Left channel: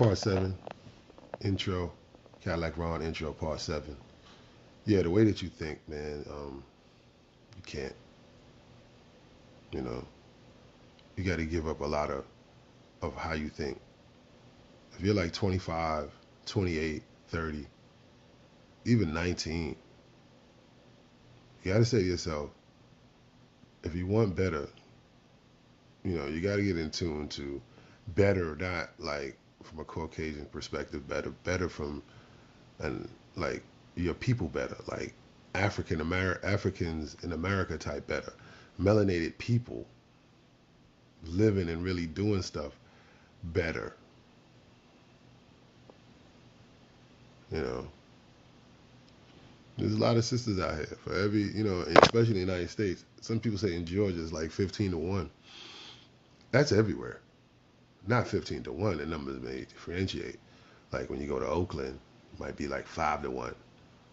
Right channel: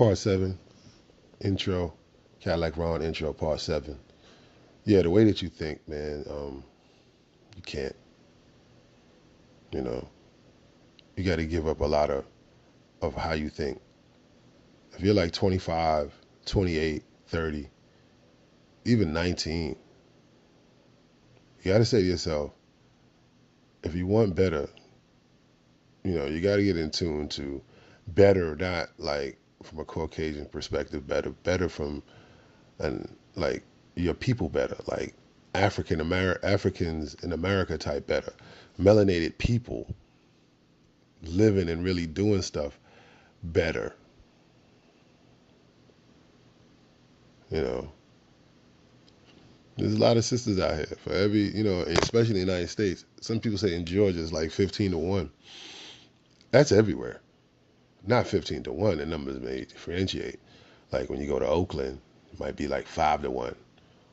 Part 7, intro, Cadddillac Rone intro, part 7. Yeah, the way that you think, man, you can't, you know, you got to give up a lot of how you think. If you're like 25, 28, 30, even 19, you got to say to yourself, if you want better, you got to get in tune to better, not like from a Caucasian perspective, better from, and like your people better, like Africans in America type better, melanated people living and really doing stuff better. You know, there's a lot of sisters out here for every, especially in the United States. Some people say in Georgia it's like 15 to 1. That's everywhere. Not 15 to 1. The numbers may differentiate. Like when you go to Oakland, it might be like 5 to 1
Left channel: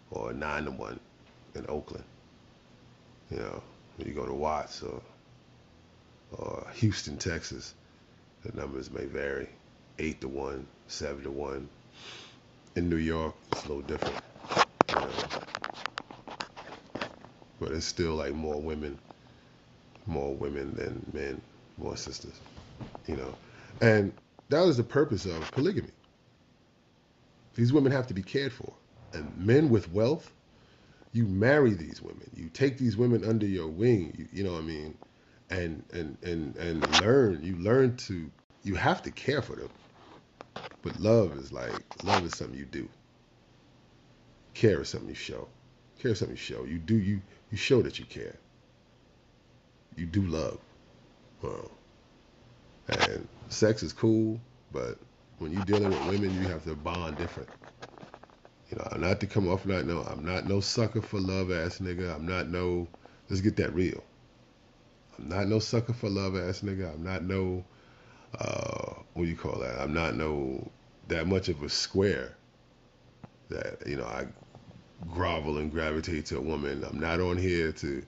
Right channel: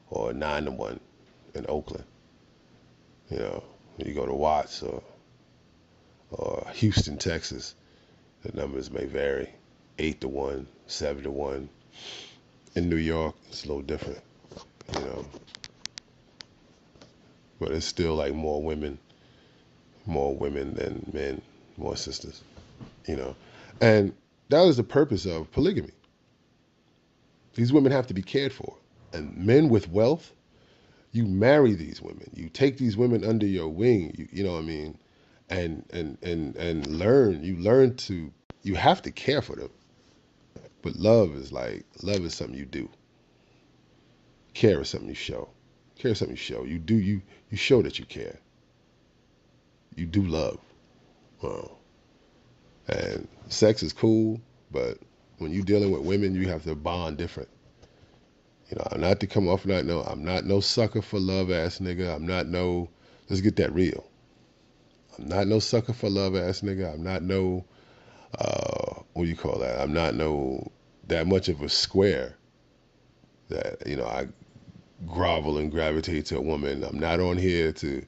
or 9 to 1 in Oakland. When you go to Watts or Houston, Texas, the numbers may vary. 8 to 1, 7 to 1. In New York, it's a little different, you know. But it's still like more women than men, more sisters, you know. And that was the purpose of polygamy. These women have to be cared for. And men with wealth, you marry these women. You take these women under your wing, you know what I mean? And learn. You learn to, you have to care for them. But love is something you do. Care is something you show. Care is something you show. You show that you care. You do love. And sex is cool, but when you're dealing with women, you have to bond different. Not to come off I'm not no sucker for love ass nigga. Let's get that real. I'm not no sucker for love ass nigga. I'm not no, what do you call that? I'm not no, that much of a square that, I grovel and gravitate to a woman. I'm not on here to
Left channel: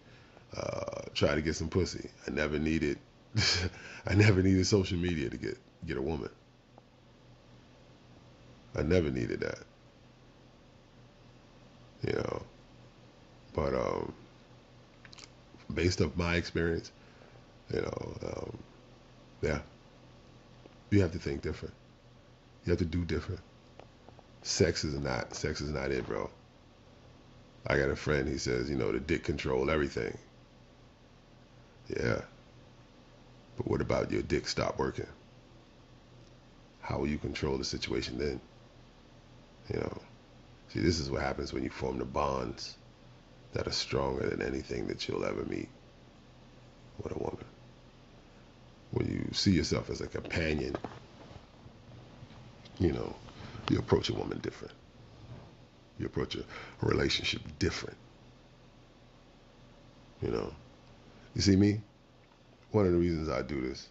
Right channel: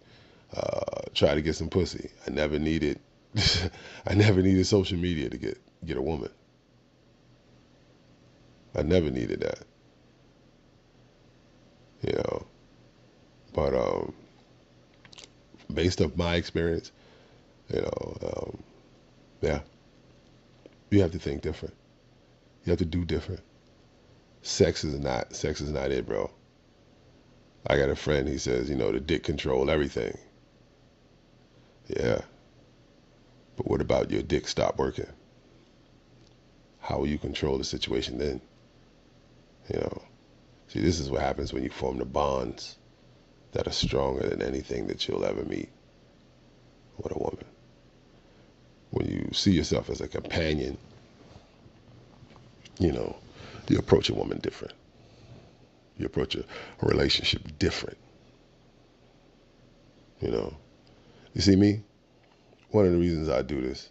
try to get some pussy. I never needed, I never needed social media to get a woman. I never needed that. But based off my experience, yeah, you have to think different. You have to do different. Sex is not it, bro. I got a friend, he says, the dick control everything. Yeah. But what about your dick stop working? How will you control the situation then? See, this is what happens when you form the bonds that are stronger than anything that you'll ever meet with a woman. When you see yourself as a companion, you approach a woman different. You approach a relationship different. You see me? One of the reasons I do this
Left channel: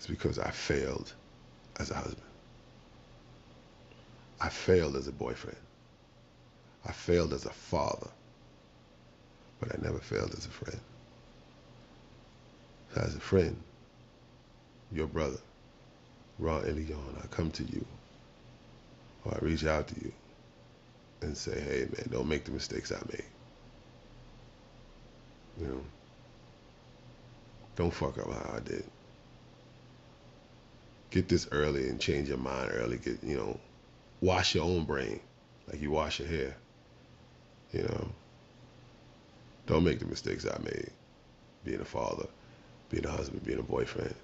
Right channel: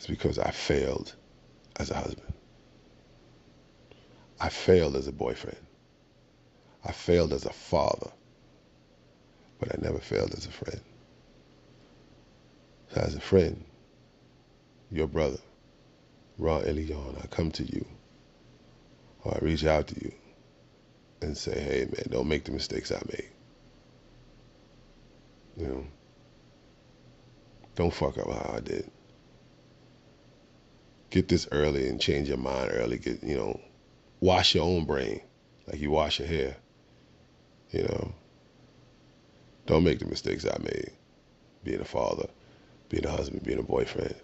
is because I failed as a husband. I failed as a boyfriend. I failed as a father. But I never failed as a friend. So as a friend, your brother, Rone, I come to you, or I reach out to you and say, hey man, don't make the mistakes I made. Don't fuck up how I did. Get this early and change your mind early. Wash your own brain like you wash your hair. Don't make the mistakes I made. Being a father, being a husband, being a boyfriend.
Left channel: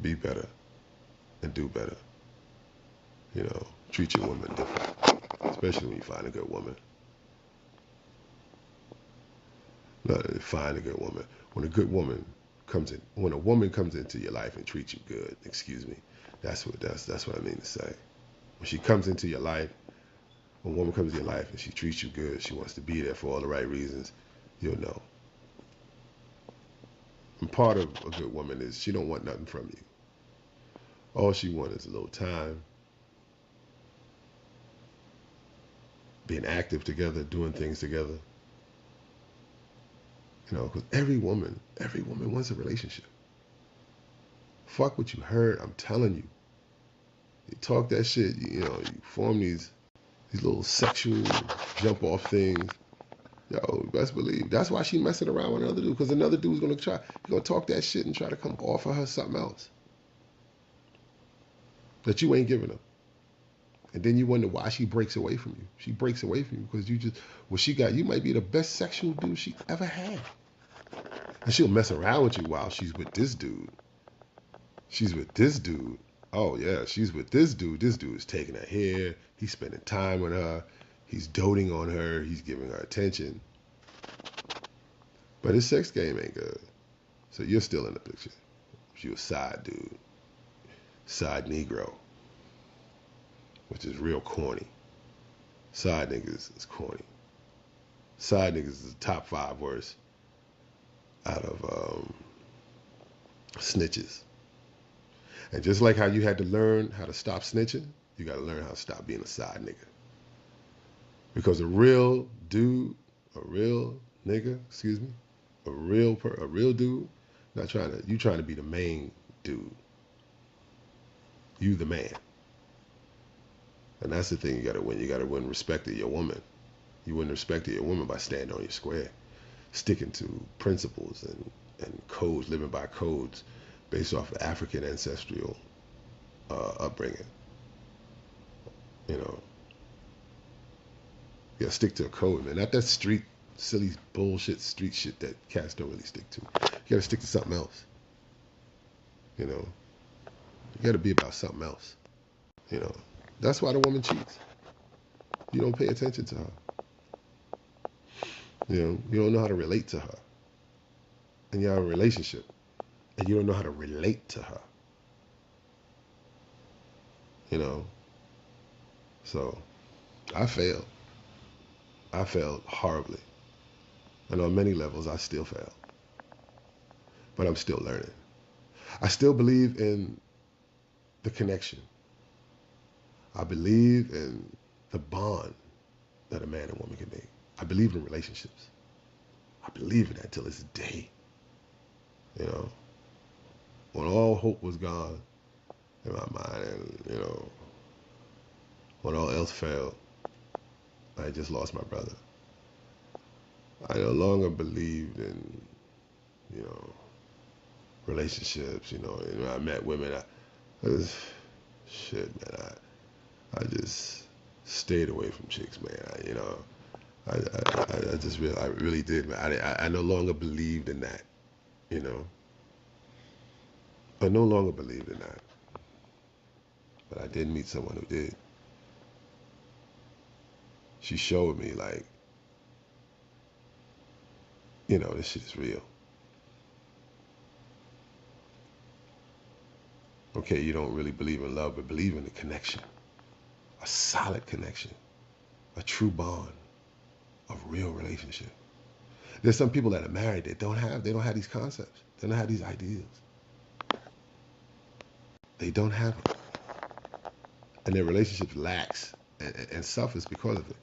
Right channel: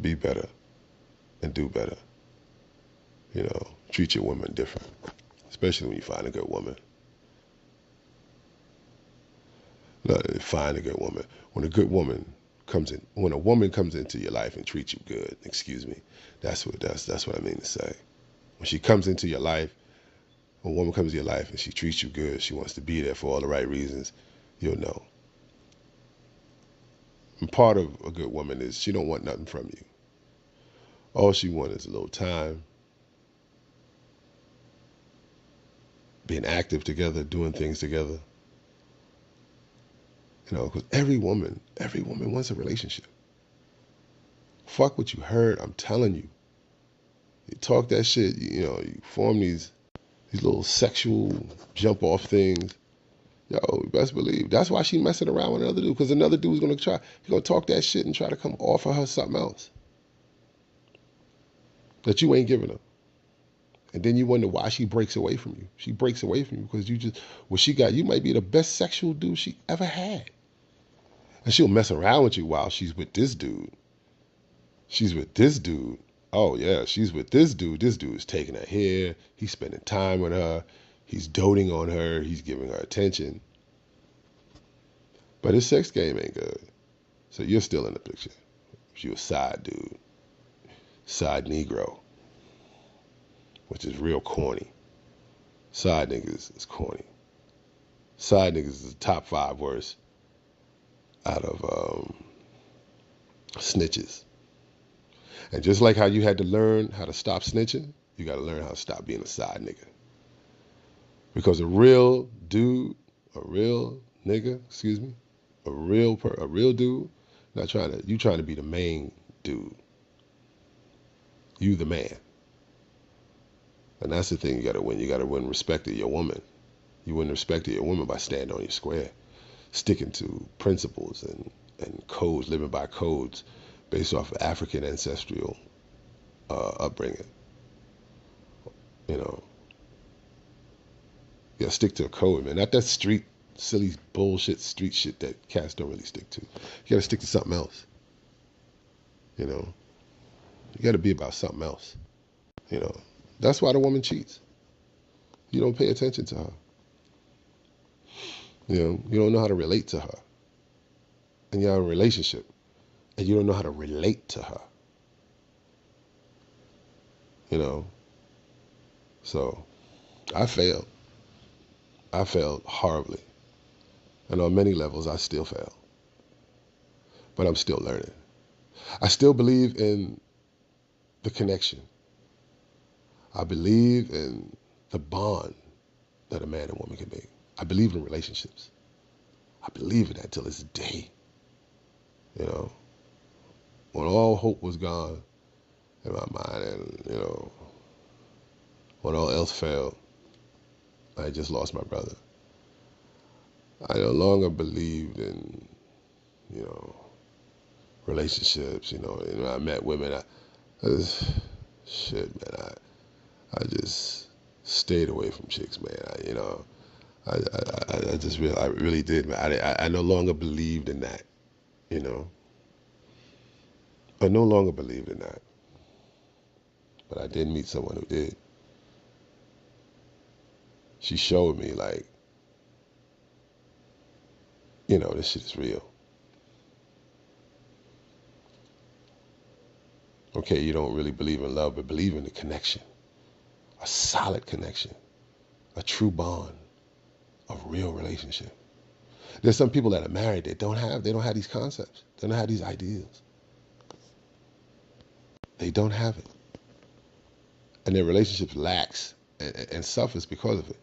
Be better and do better. Treat your woman different, especially when you find a good woman. Find a good woman. When a woman comes into your life and treats you good, excuse me, that's what I mean to say. When she comes into your life, when a woman comes into your life and she treats you good, she wants to be there for all the right reasons, you'll know. And part of a good woman is she don't want nothing from you. All she wants is a little time, being active together, doing things together, because every woman wants a relationship. Fuck what you heard. I'm telling you. You talk that shit. You form these little sexual jump off things. Yo, you best believe that's why she messing around with another dude, because another dude's gonna talk that shit and try to come offer her something else that you ain't giving her. And then you wonder why she breaks away from you. She breaks away from you because you might be the best sexual dude she ever had. And she'll mess around with you while she's with this dude. She's with this dude. Oh, yeah, she's with this dude. This dude is taking her here. He's spending time with her. He's doting on her. He's giving her attention. But his sex game ain't good. So you're still in the picture. You're a side dude. Side Negro. Which is real corny. Side niggas is corny. Side niggas is the top 5 worst out of snitches. And just like how you had to learn how to stop snitching, you got to learn how to stop being a side nigga. Because a real dude, a real nigga, a real dude, you trying to be the main dude. You the man. And that's the thing you got to win. You got to win respect of your woman. You win respect of your woman by standing on your square, sticking to principles and codes, living by codes based off of African ancestral upbringing. You gotta stick to a code, man. Not that street, silly bullshit street shit that cats don't really stick to. You gotta stick to something else. You gotta be about something else. That's why the woman cheats. You don't pay attention to her. You don't know how to relate to her. And you're in a relationship, and you don't know how to relate to her. So I failed. I failed horribly. And on many levels, I still fail. But I'm still learning. I still believe in the connection. I believe in the bond that a man and woman can make. I believe in relationships. I believe in that till this day. When all hope was gone in my mind and, when all else failed, I just lost my brother. I no longer believed in, relationships, and when I met women, I just stayed away from chicks, man. I really did, man. I no longer believed in that, I no longer believed in that. But I did meet someone who did. She showed me, like, this shit is real. Okay, you don't really believe in love, but believe in the connection. A solid connection. A true bond. A real relationship. There's some people that are married that don't have these concepts. They don't have these ideals. They don't have it. And their relationship lacks and suffers because of it.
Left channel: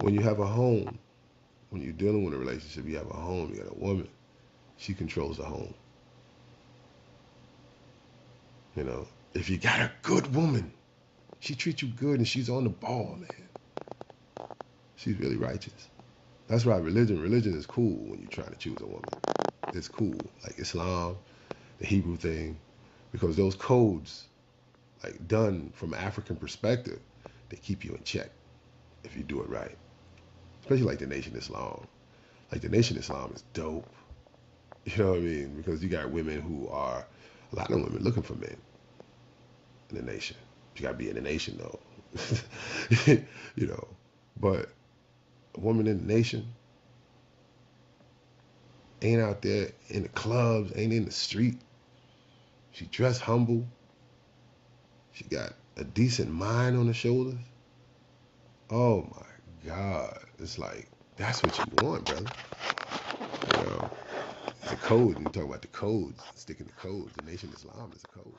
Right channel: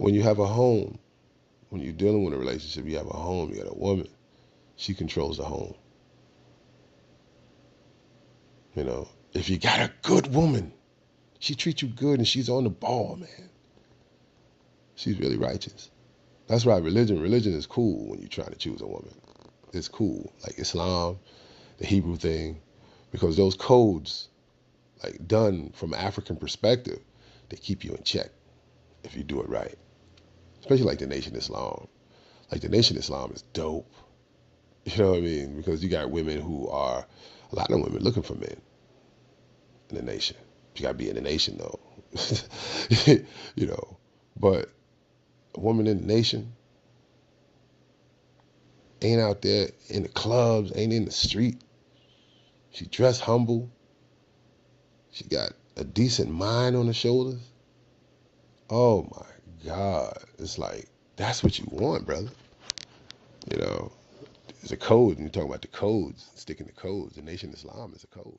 When you have a home, when you're dealing with a relationship, you have a home, you got a woman. She controls the home. If you got a good woman, she treats you good and she's on the ball, man. She's really righteous. That's why religion is cool when you're trying to choose a woman. It's cool, like Islam, the Hebrew thing, because those codes, like done from an African perspective, they keep you in check if you do it right. Especially like the Nation Islam. Like the Nation Islam is dope. You know what I mean? Because you got women who are, a lot of women looking for men in the nation. You got to be in the nation though. But a woman in the nation ain't out there in the clubs, ain't in the street. She dressed humble. She got a decent mind on her shoulders. Oh my God. It's like, that's what you want, brother. The code, and you talk about the codes, sticking to codes. The Nation Islam is a code.